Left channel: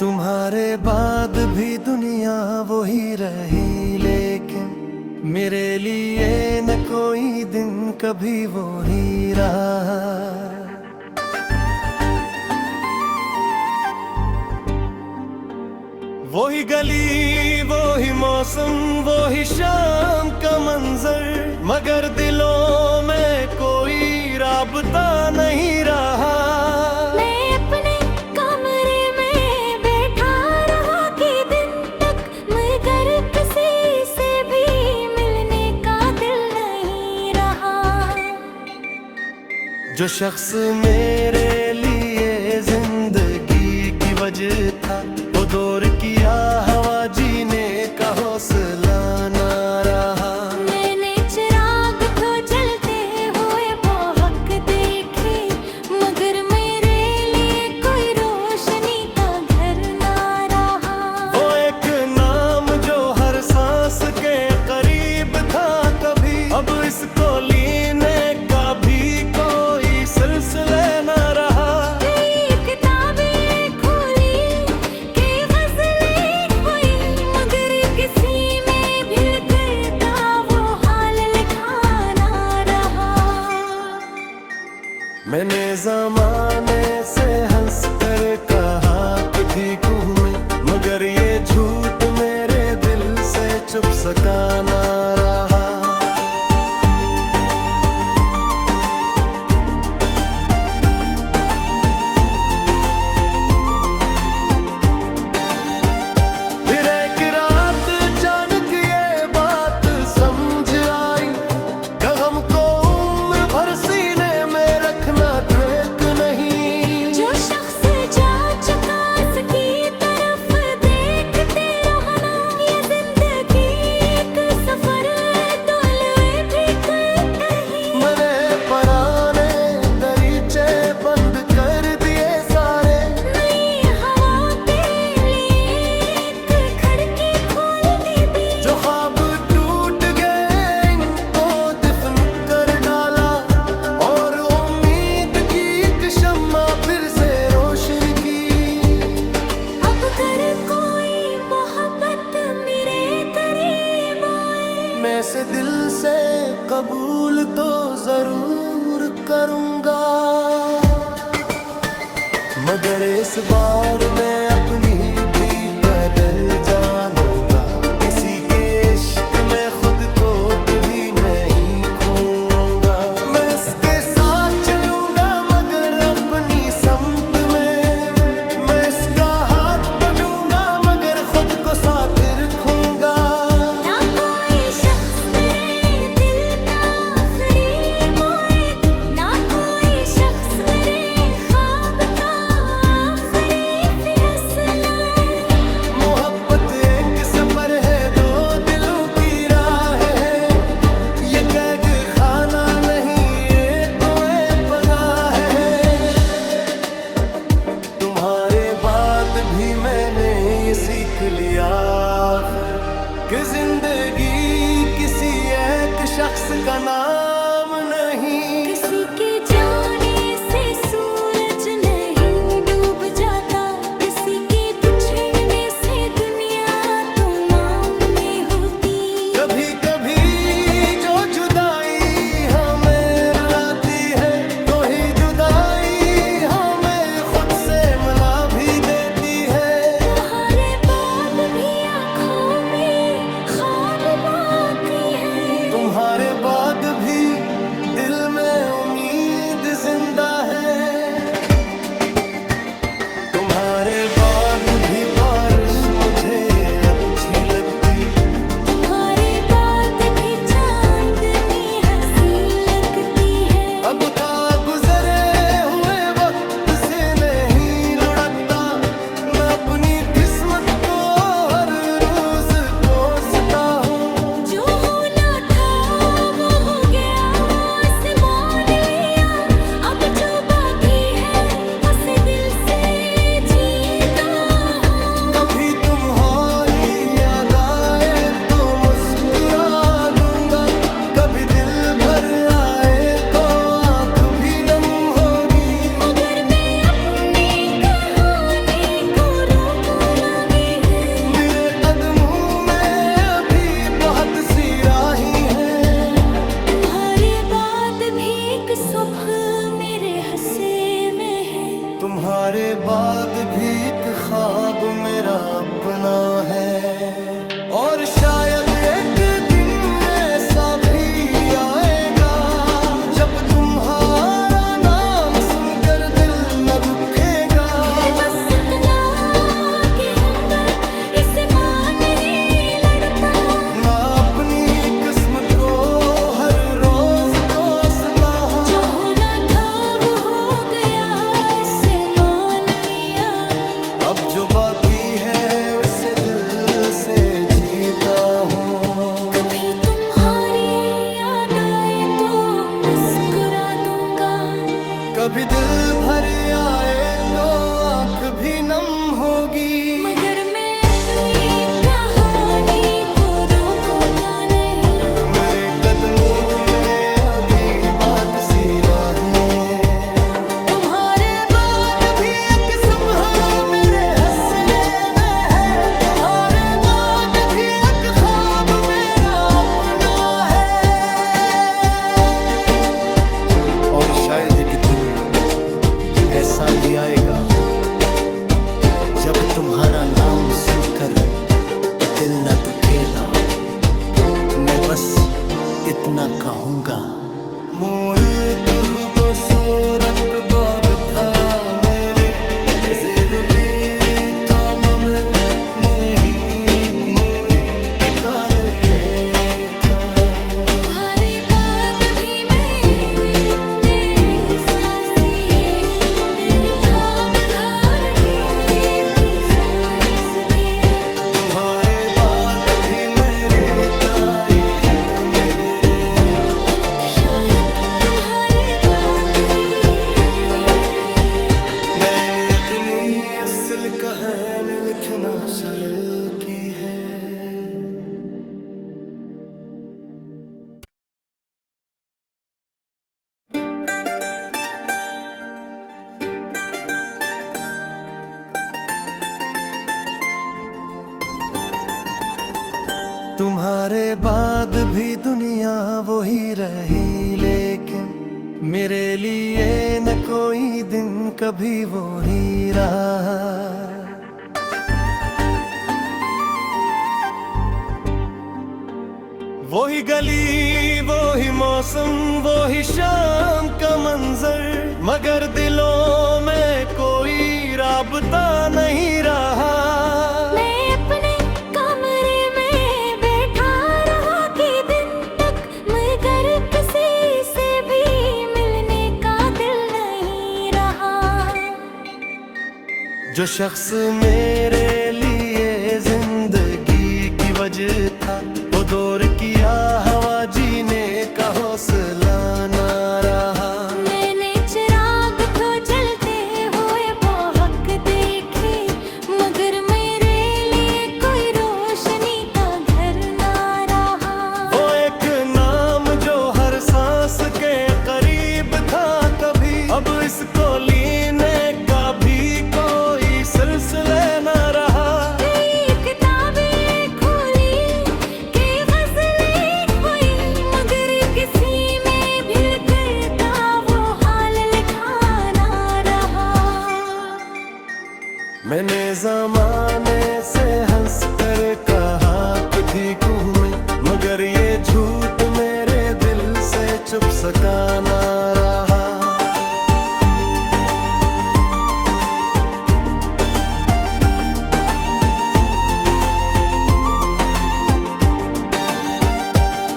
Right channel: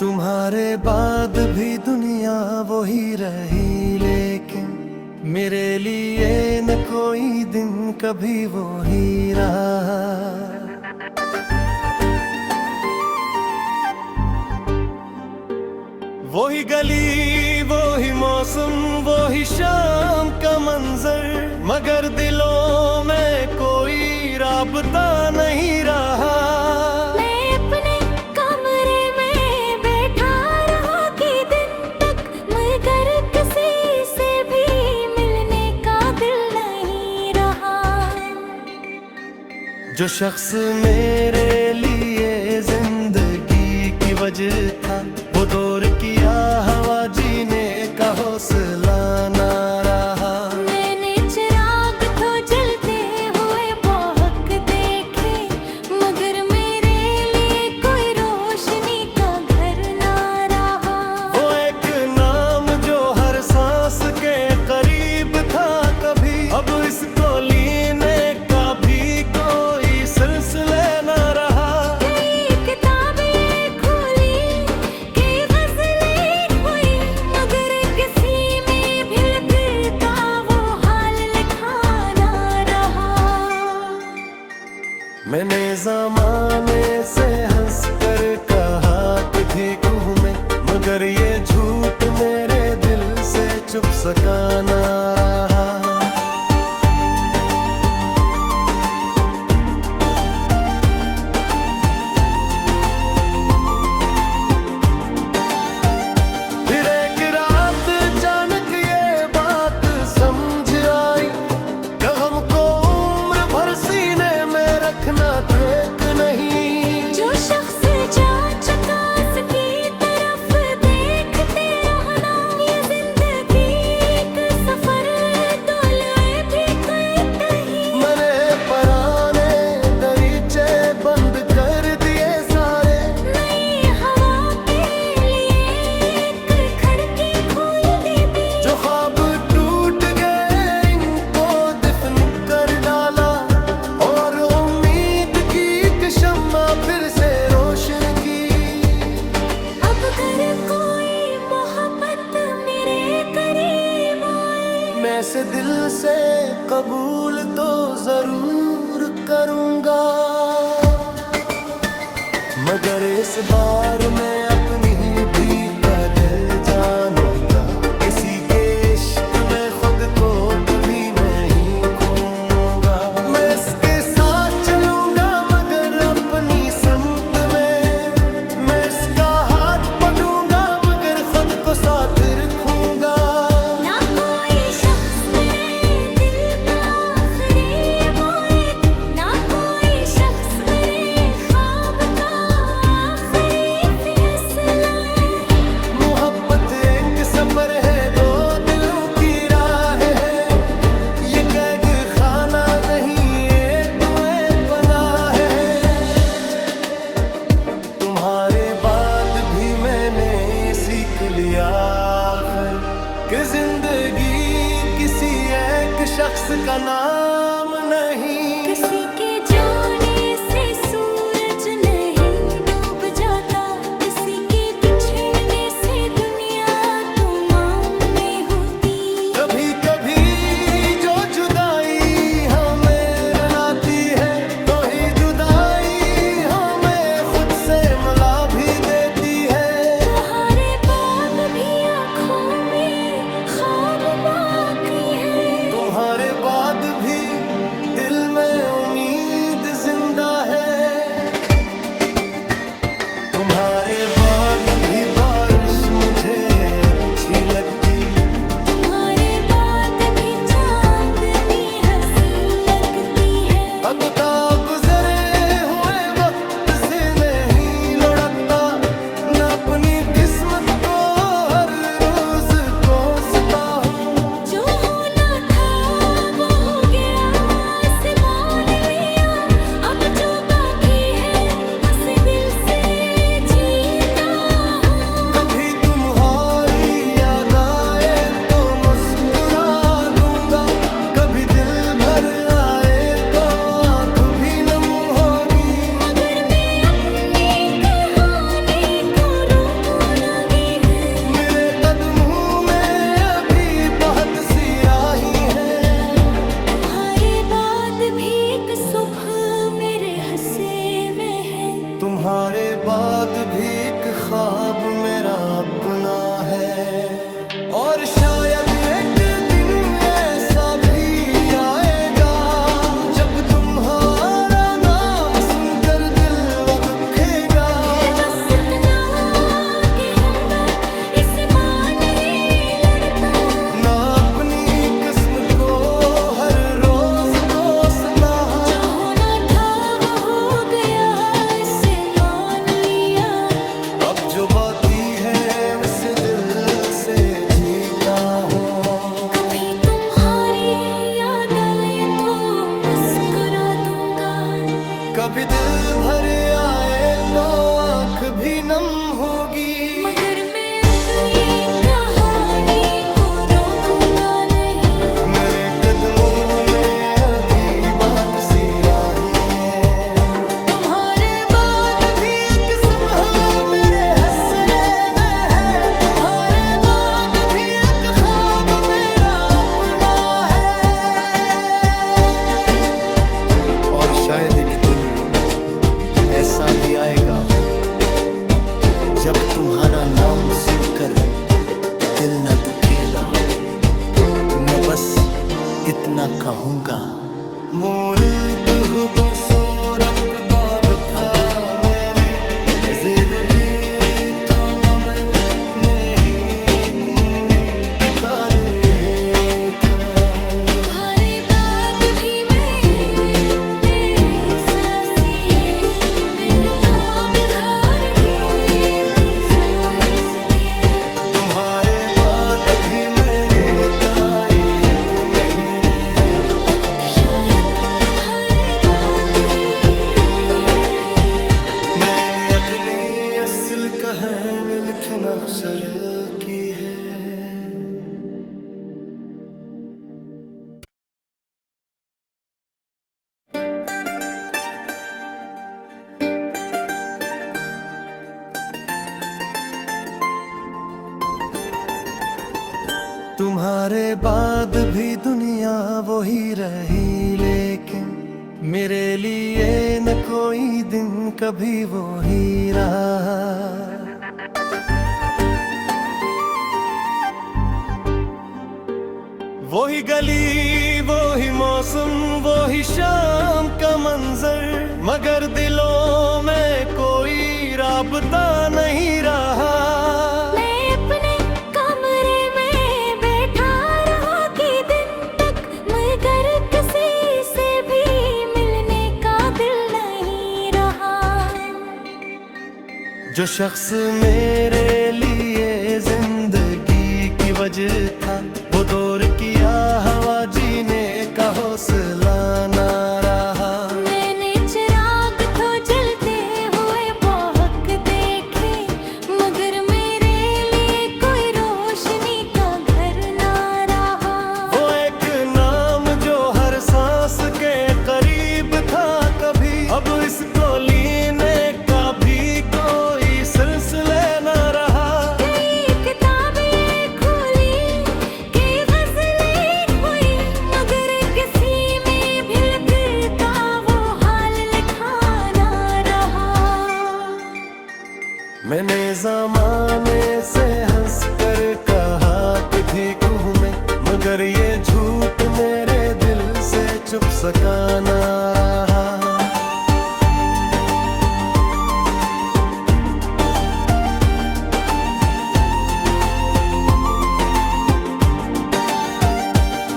तुम्हारे बाद भी दुनिया वही रही, लेकिन मेरे लिए न कोई दिन कभी वो ही रहा। वही गली, वही मौसम, वही शाम का मंजर, मगर दिलों में कोई राबता नहीं रहा। मैं अपने कमरे में बैठा रहा कि दिन तक, मगर किसी से भी मिलने का दिल नहीं रहा। जो शख्स मेरे लिए जिंदगी की वजह था, वो दौर किया हवा जीने का हौसला ना रहा। मैंने चिराग तो जलते हुए बहुत देखे, मगर मेरे लिए कोई रोशनी का घर ना रहा। वो एक नाम जो हर सांस के करीब था कभी, अब इसको लेने का भी कोई सिलसिला ना रहा। मैंने ज़माने से हंस कर कहा कि ठीक हूँ मैं, मगर ये झूठ मेरे दिल से छुप सका ना रहा। फिर एक रात अचानक ये बात समझ आई, गम को उम्र भर सीने में रखना ट्रैक नहीं। जो शख्स जा चुका उसकी तरफ देखते रहना, ये जिंदगी एक सफर तोले भी कहीं। मैंने पुराने दरीचे बंद कर दिए सारे, नई हवा के लिए एक खिड़की खोल दी भी। जो ख्वाब टूट गए इनको दफन कर डाला, और उम्मीद की एक शम्मा फिर से रोशन की। अब अगर कोई मोहब्बत मेरे करीब आए, मैं से दिल से कबूल तो जरूर करूंगा, मगर इस बार मैं अपनी भी कदर जानूंगा। किसी के इश्क में खुद को कभी नहीं खोऊंगा। मैं इसके साथ चलूंगा मगर अपनी समत में, मैं इसका हाथ पकड़ूंगा मगर खुद को साथ रखूंगा। ना कोई शख्स मेरे दिल का आखिरी मोए, ना कोई शख्स मेरे ख्वाब का आखिरी फैसला है। मोहब्बत एक सफर है, दो दिलों की राह है, ये कैद खाना नहीं, ये तो एक पनाह है। तुम्हारे बाद भी मैंने ये सीख लिया आखिर, कि जिंदगी किसी एक शख्स का नाम नहीं। किसी के जाने से सूरज नहीं डूब जाता, किसी के बिछड़ने से दुनिया तमाम में होती। कभी कभी जो जुदाई हमें रुलाती है, तो ही जुदाई हमें खुद से मिला भी देती है। तुम्हारे बाद भी आँखों में ख्वाब बाकी है, तुम्हारे बाद भी दिल में उम्मीद जिंदा है। तुम्हारे बाद भी बारिश मुझे अच्छी लगती, तुम्हारे बाद भी चांदनी हंसी लगती है। अब था गुजरे हुए वक्त से नहीं लुढ़कता, न अपनी किस्मत को हर रोज कोसता हूँ। जो होना था वो हो गया, आसमान लिया, अब जो बाकी है हंसे दिल से जीता हूँ। कभी तुम्हारी याद आए तो मुस्कुरा दूंगा, कभी दिल भर आए तो आंख भी नम तुम्हारे बाद भी एक ख्वाब मेरा अपना है, और शायद एक दिन ऐसा भी आएगा जब तुम्हारा नाम सुनकर दिल न दुखेगा। बस इतना कहूँगा, इससे मां नहीं लड़ता, ना अपनी किस्म को हर रोज कोसना। जो होना था वो हो गया, इसे मान लिया। अब जो बाकी है उसे दिल से जीता हूँ। कभी तुम्हारी याद आए तो मुस्कुरा दूंगा, कभी दिल भर आए तो आँख भी नम होगी। मगर मैं अपनी कहानी को रोकूंगा नहीं। मेरे कदमों में अभी बात सी राही है, तुम्हारे बाद भी एक सुबह मेरे हसरे में है, तुम्हारे बाद भी एक ख्वाब मेरा अपना है। और शायद एक दिन ऐसा भी आएगा जब तुम्हारा नाम सुनकर दिल न दुखेगा। मैं बस इतना कहूँगा, मोर तुह बसोरत बाग था मेरी जिंदगी थामा में नहीं कोई ठिकाने था। तुम्हारे बाद भी मेरी सासी है, मेरे ख्वाब घर भी तू सांस भी। तुम्हारे बाद भी मेरी तायत में है, शायद तुम्हारे बाद ही मैंने अपनी असल कहानी लिखना शुरू की है। तुम्हारे बाद भी दुनिया वही रही, लेकिन मेरे लिए न कोई दिन कभी वो ही रहा। वही गली, वही मौसम, वही शाम का मंजर, मगर दिलों में कोई राबता नहीं रहा। मैं अपने कमरे में बैठा रहा कि दिन तक, मगर किसी से भी मिलने का दिल नहीं रहा। जो शख्स मेरे लिए जिंदगी की वजह था, वो दौर किया हवा जीने का हौसला ना रहा। मैंने चिराग तो जलते हुए बहुत देखे, मगर मेरे लिए कोई रोशनी का घर ना रहा। वो एक नाम जो हर सांस के करीब था कभी, अब इसको लेने का भी कोई सिलसिला न रहा। कई किताबें खोली, कई गज़लें हुई, मगर किसी में भी फिर का वो हाल लिखा ना रहा। मैंने ज़माने से हंस कर कहा कि ठीक हूँ मैं, मगर ये झूठ मेरे दिल से चुप सका ना रहा।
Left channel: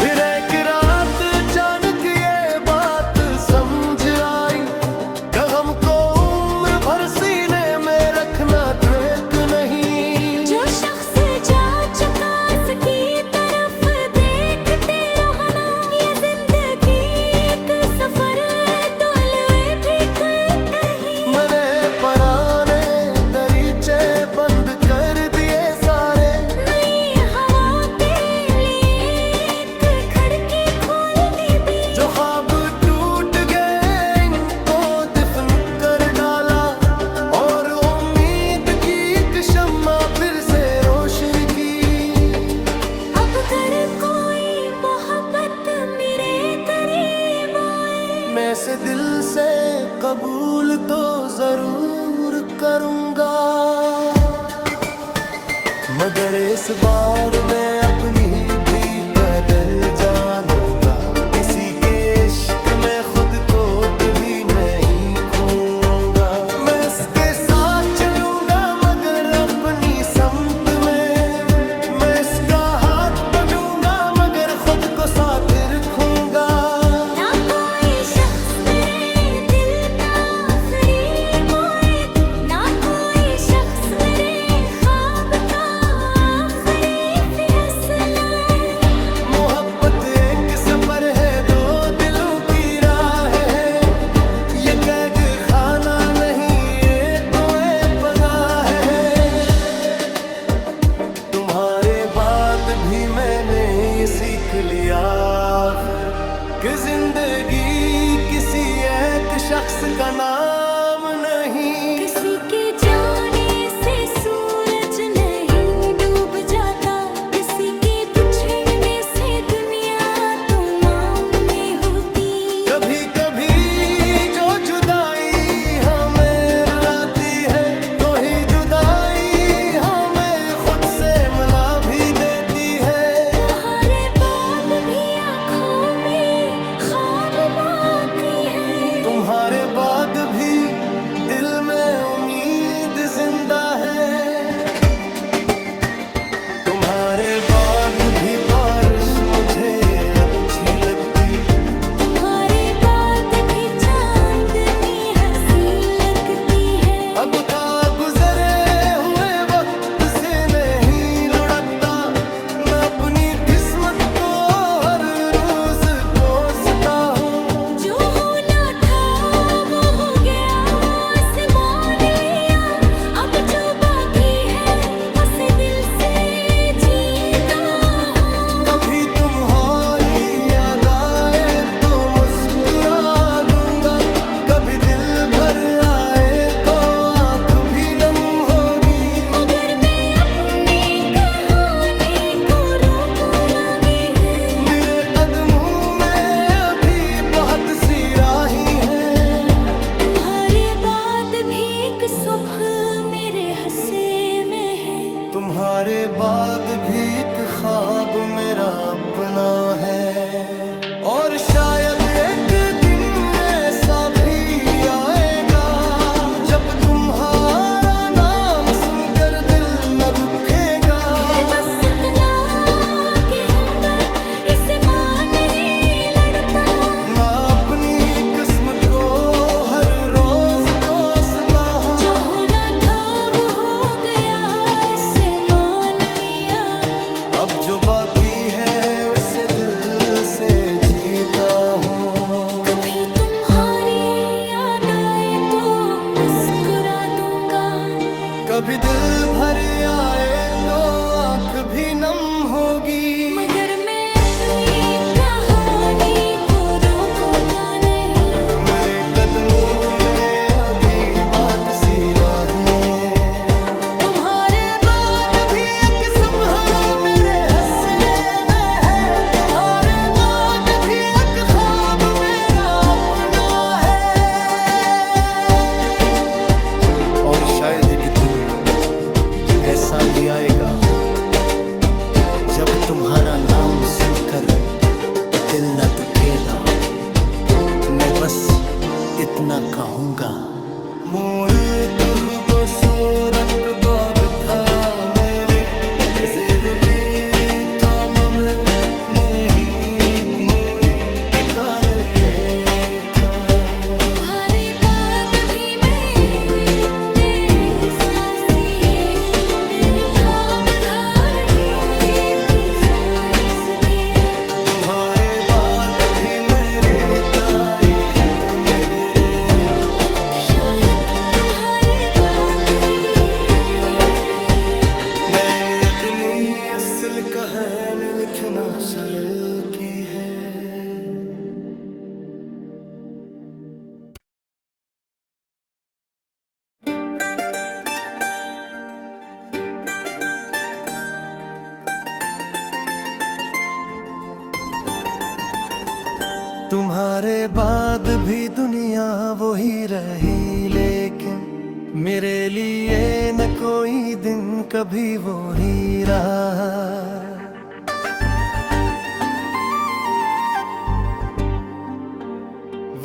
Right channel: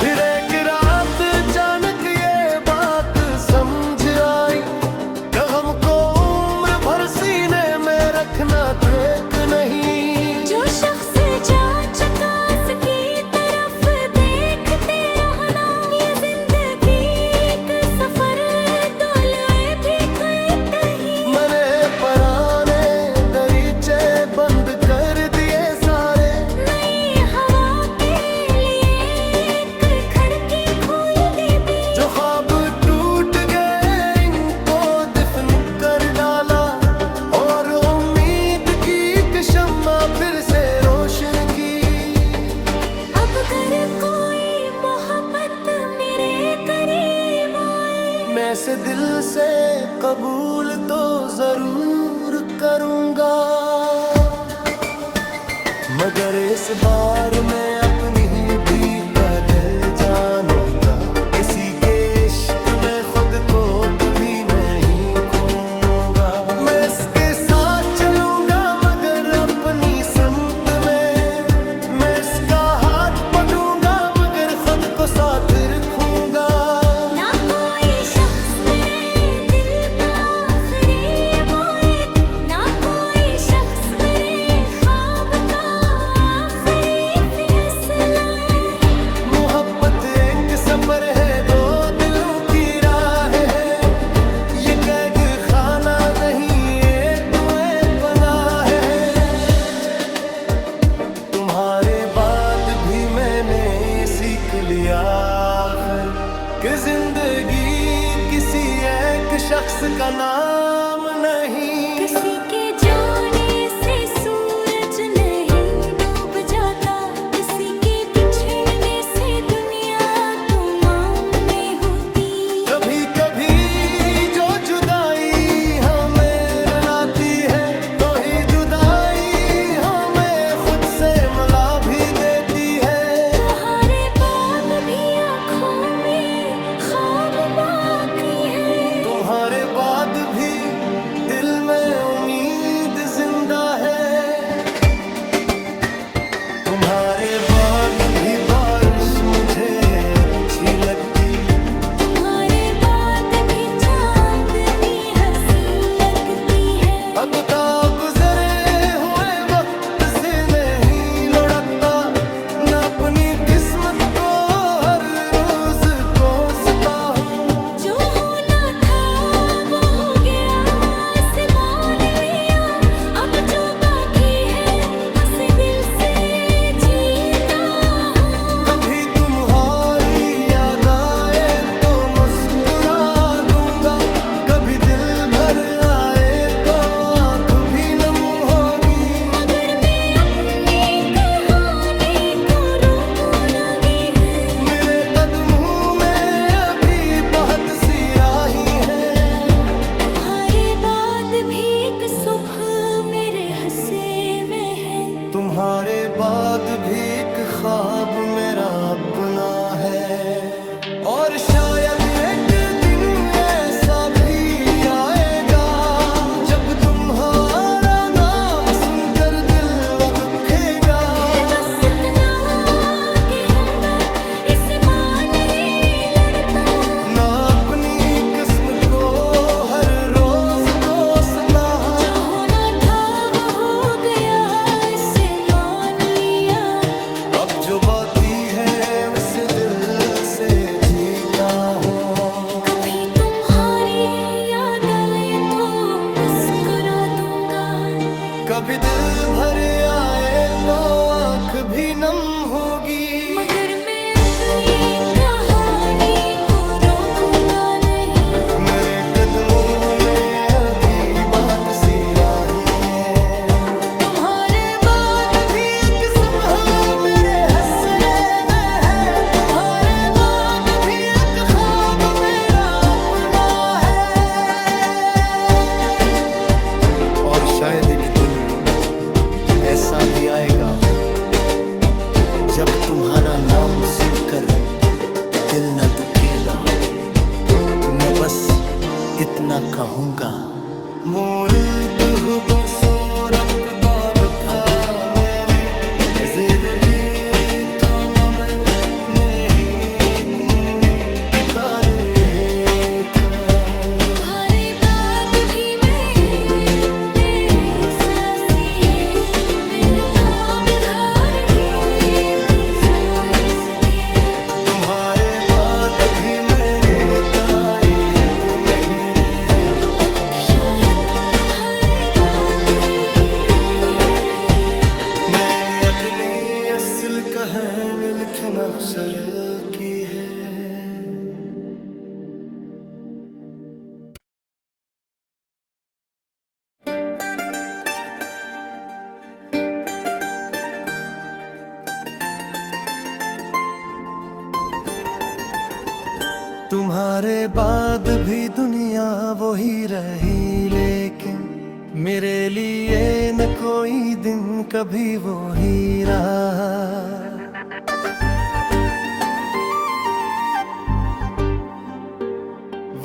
फिर एक रात अचानक ये बात समझ आई, गम को उम्र भर सीने में रखना ठीक नहीं। जो शख्स जा चुका उसकी तरफ देखते रहना, ये जिंदगी एक सफर दौलत भी कोई कहीं। मैंने पराने दरीचे बंद कर दिए सारे, नई हवा के लिए एक खिड़की खोल दी भी। जो ख्वाब टूट गए इनको दफन कर डाला, और उम्मीद की एक शम्मा फिर से रोशन की। अब अगर कोई मोहब्बत मेरे करीब आए, मैं से दिल से कबूल तो जरूर करूंगा, मगर इस बार मैं अपनी भी कदर जानूंगा। किसी के इश्क में खुद को कभी नहीं खोऊंगा। मैं इसके साथ चलूंगा मगर अपनी समत में, मैं इसका हाथ पकड़ूंगा मगर खुद को साथ रखूंगा। ना कोई शख्स मेरे दिल का आखिरी मोए, ना कोई शख्स मेरे ख्वाब का आखिरी फैसला है। मोहब्बत एक सफर है, दो दिलों की राह है, ये कैद खाना नहीं ये तो एक पनाह है। तुम्हारे बाद भी मैंने ये सीख लिया आखिर कि जिंदगी किसी एक शख्स का नाम नहीं। किसी के जाने से सूरज नहीं डूब जाता, किसी के बिछड़ने से दुनिया तमाम में होती। कभी कभी जो जुदाई हमें रुलाती है, तो ही जुदाई हमें खुद से मिला भी देती है। तुम्हारे बाद भी आँखों में ख्वाब बाकी है, तुम्हारे बाद भी दिल में उम्मीद जिंदा है। तुम्हारे बाद भी बारिश मुझे अच्छी लगती, तुम्हारे बाद भी चांदनी हंसी लगती है। अब था गुजरे हुए वक्त से नहीं लौटता, मैं अपनी किस्मत को हर रोज कोसता हूँ। जो होना था वो हो गया, आसमान लिया, अब जो बाकी है हंस दिल से जीता हूँ। कभी तुम्हारी याद आए तो मुस्कुरा दूंगा, कभी दिल भर आए तो आंख भी नम होगी। मगर मैं अपनी कहानी को रोकूं लगी है। मेरे कदमों में अभी बहुत सी राहें हैं। तुम्हारे बाद भी एक सुबह मेरे हंसे में है, तुम्हारे बाद भी एक ख्वाब मेरा अपना है। और शायद एक दिन ऐसा भी आएगा जब तुम्हारा नाम सुनकर दिल न दुखेगा। बस इतना कहूँगा, इसे मान नहीं लड़ता। ना अपनी किस्मत को हर रोज कोसना, जो होना था वो हो गया, इसे मान लिया। अब जो बाकी है उसे दिल से जीता हूँ। कभी तुम्हारी याद आए तो मुस्कुरा दूंगा, कभी दिल भर आए तो आंख भी नम होगी। मगर मैं अपनी कहानी को रोकूंगा नहीं। मेरे कदमों में अभी बात सी राहें हैं। तुम्हारे बाद भी एक सुबह मेरे हंसने में है, तुम्हारे बाद भी एक ख्वाब मेरा अपना है। और शायद एक दिन ऐसा भी आएगा जब तुम्हारा नाम सुनकर दिल न दुखेगा। मैं बस इतना कहूँगा, मूर्त हूँ बसोरत बाग था मेरी जिंदगी तमाम नहीं तुई ठिकाने था। तुम्हारे बाद भी मेरे सासी है, मेरे ख्वाब धार भी थी सांस भी। तुम्हारे बाद भी मेरी तायत नहीं रे, शायद तुम्हारे बाद ही मैंने अपनी असल कहानी लिखना शुरू की है। तुम्हारे बाद भी दुनिया वही रही, लेकिन मेरे लिए न कोई दिन कभी वो ही रहा।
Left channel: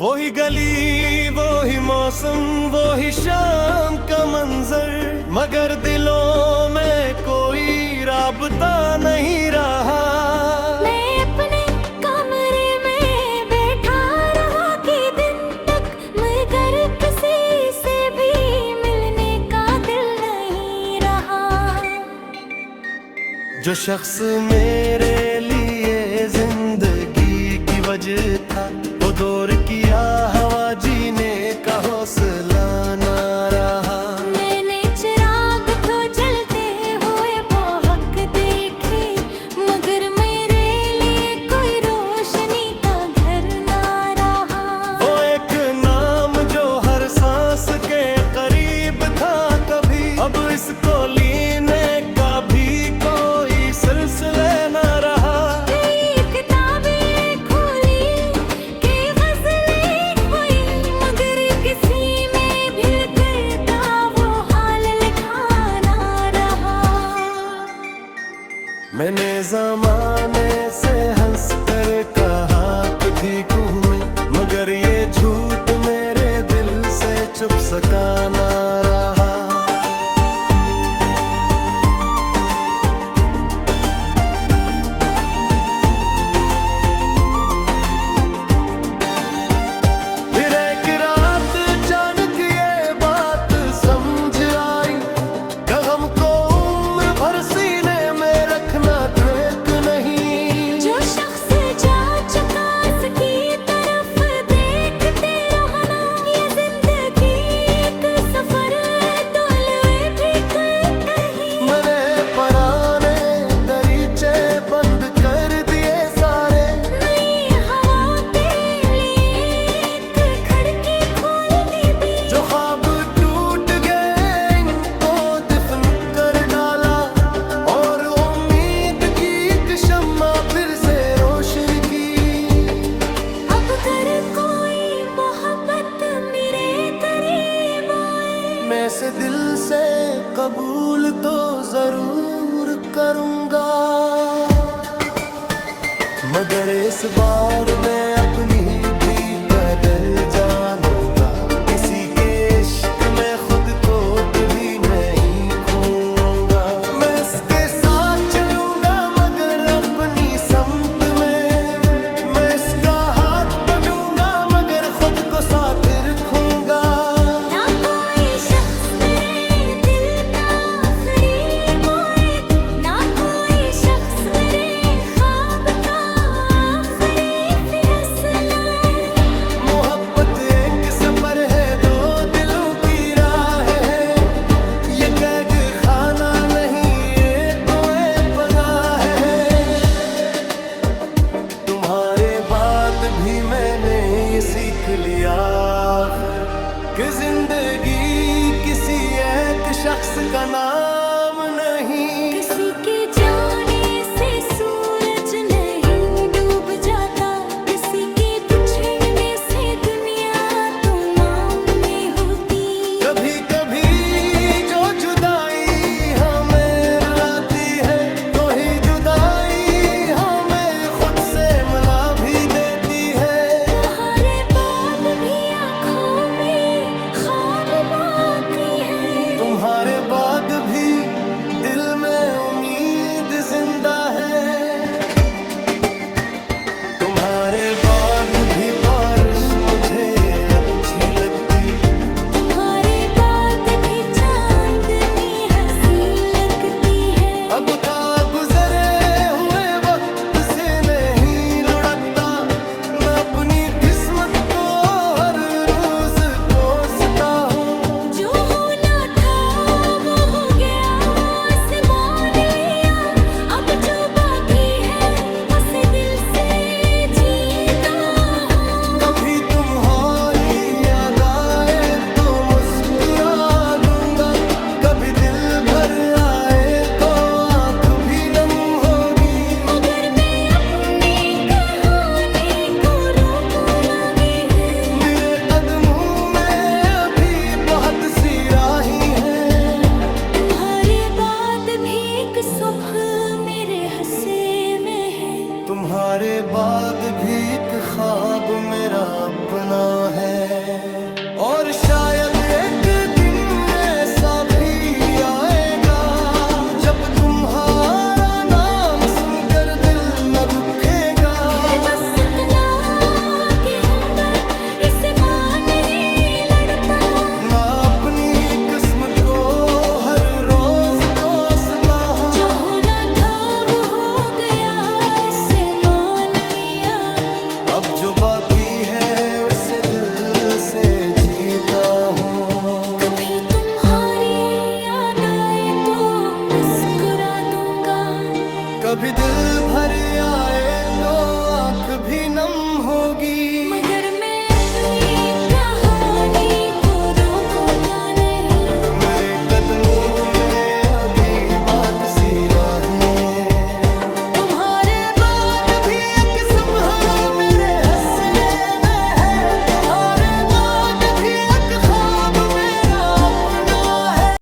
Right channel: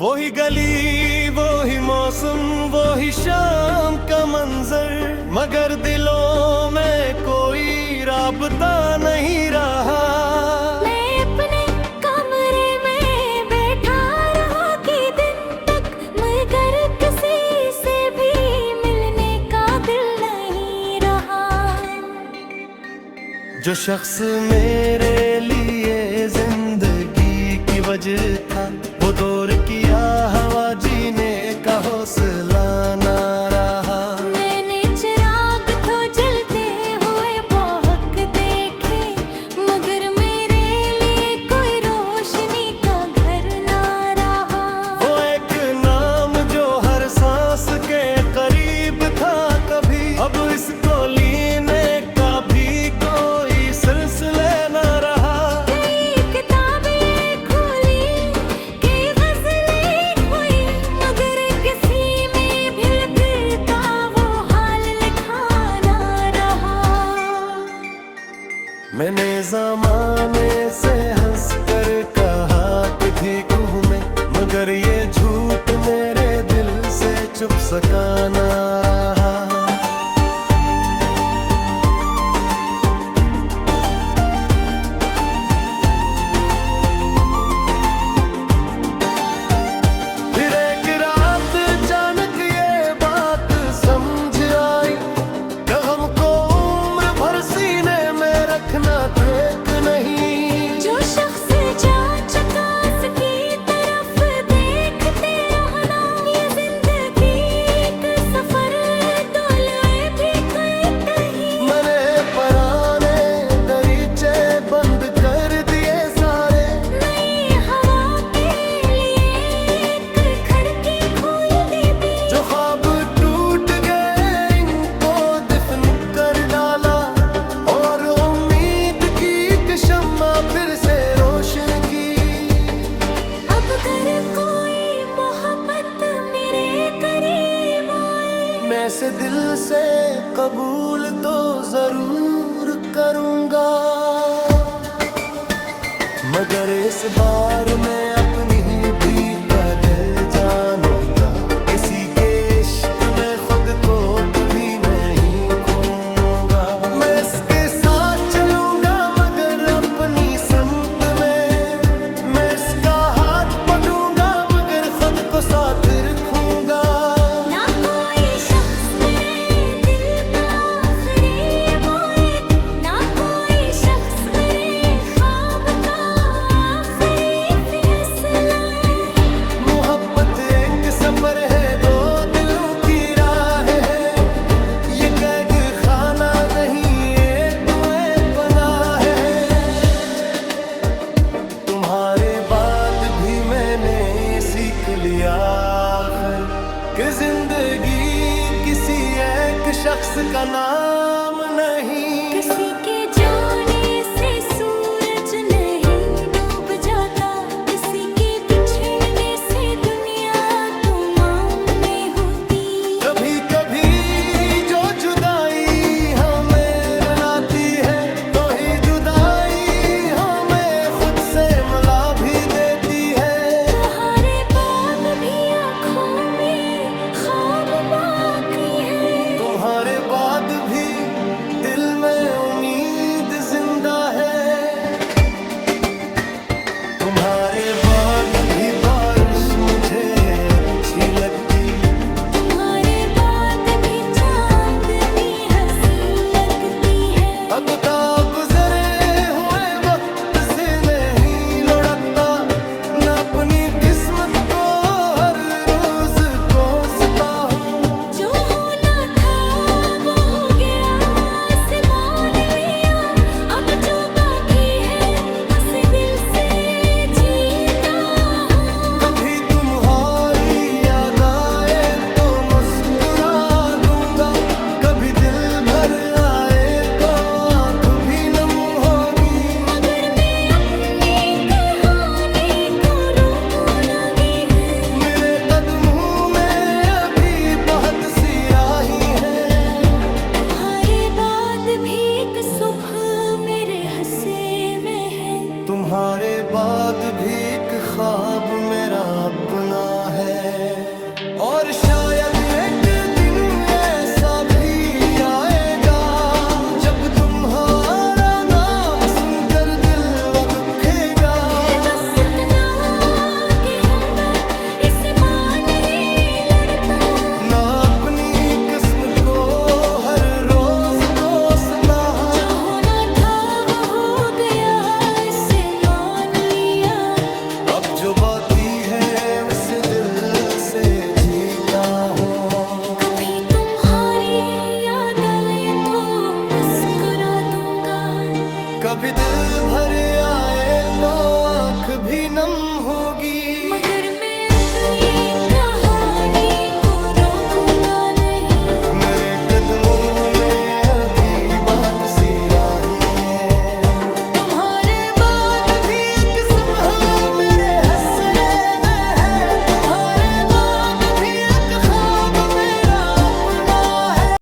वही गली, वही मौसम, वही शाम का मंजर, मगर दिलों में कोई राबता नहीं रहा। मैं अपने कमरे में बैठा रहा कि दिन तक, मगर किसी से भी मिलने का दिल नहीं रहा। जो शख्स मेरे लिए जिंदगी की वजह था, वो दौर किया हवा जीने का हौसला ना रहा। मैंने चिराग तो जलते हुए बहुत देखे, मगर मेरे लिए कोई रोशनी का घर ना रहा। वो एक नाम जो हर सांस के करीब था कभी, अब इसको लेने का भी कोई सिलसिला ना रहा। मैंने ज़माने से हंस कर कहा कि ठीक हूँ मैं, मगर ये झूठ मेरे दिल से छुप सका ना रहा। फिर एक रात अचानक ये बात समझ आई, गम को उम्र भर सीने में रखना ठीक नहीं। जो शख्स जा चुका उसकी तरफ देखते रहना, ये जिंदगी का सफर तोले भी कहीं। मैंने पुराने दरीचे बंद कर दिए सारे, नई हवा के लिए एक खिड़की खोल दी भी। जो ख्वाब टूट गए इनको दफन कर डाला, और उम्मीद की एक शम्मा फिर से रोशन की। अब अगर कोई मोहब्बत मेरे करीब आए, मैं इसे दिल से कबूल तो जरूर करूंगा, मगर इस बार मैं अपनी भी कदर जानूंगा। किसी के इश्क में खुद को कभी नहीं खोऊंगा। मैं इसके साथ चलूंगा मगर अपनी समत में, मैं इसका हाथ पकड़ूंगा मगर खुद को साथ रखूंगा। ना कोई शख्स मेरे दिल का आखिरी मोए, ना कोई शख्स मेरे ख्वाब का आखिरी फैसला है। मोहब्बत एक सफर है, दो दिलों की राह है, ये कैद खाना नहीं ये तो पनाह है। तुम्हारे बाद भी मैंने ये सीख लिया आखिर, कि जिंदगी किसी एक शख्स का नाम नहीं। किसी के जाने से सूरज नहीं डूब जाता, किसी के बिछड़ने से दुनिया तमाम में होती। कभी कभी जो जुदाई हमें रुलाती है, तो ही जुदाई हमें खुद से मिला भी देती है। तुम्हारे बाद भी आँखों में ख्वाब बाकी है, तुम्हारे बाद भी दिल में उम्मीद जिंदा है। तुम्हारे बाद भी बारिश मुझे अच्छी लगती, तुम्हारे बाद भी चांदनी हंसी लगती है। अब का गुजरे हुए वक्त से नहीं लुढ़कता, न अपनी किस्मत को हर रोज कोसता हूँ। जो होना था वो हो गया, आसमान लिया, अब जो बाकी है हंस दिल से जीता हूँ। कभी तुम्हारी याद आए तो मुस्कुरा दूंगा, कभी दिल भर आए तो आंख भी हंसे में है। तुम्हारे बाद भी एक ख्वाब मेरा अपना है, और शायद एक दिन ऐसा भी आएगा जब तुम्हारा नाम सुनकर दिल न दुखेगा। बस इतना कि हमदर्द इसे मां नहीं लड़ता, ना अपनी किस्म को हर रोज कोसना। जो होना था वो हो गया, इसे मान लिया। अब जो बाकी है उसे दिल से जीता हूँ। कभी तुम्हारी याद आए तो मुस्कुरा दूंगा, कभी दिल भर आए तो आँख भी नम होगी। मगर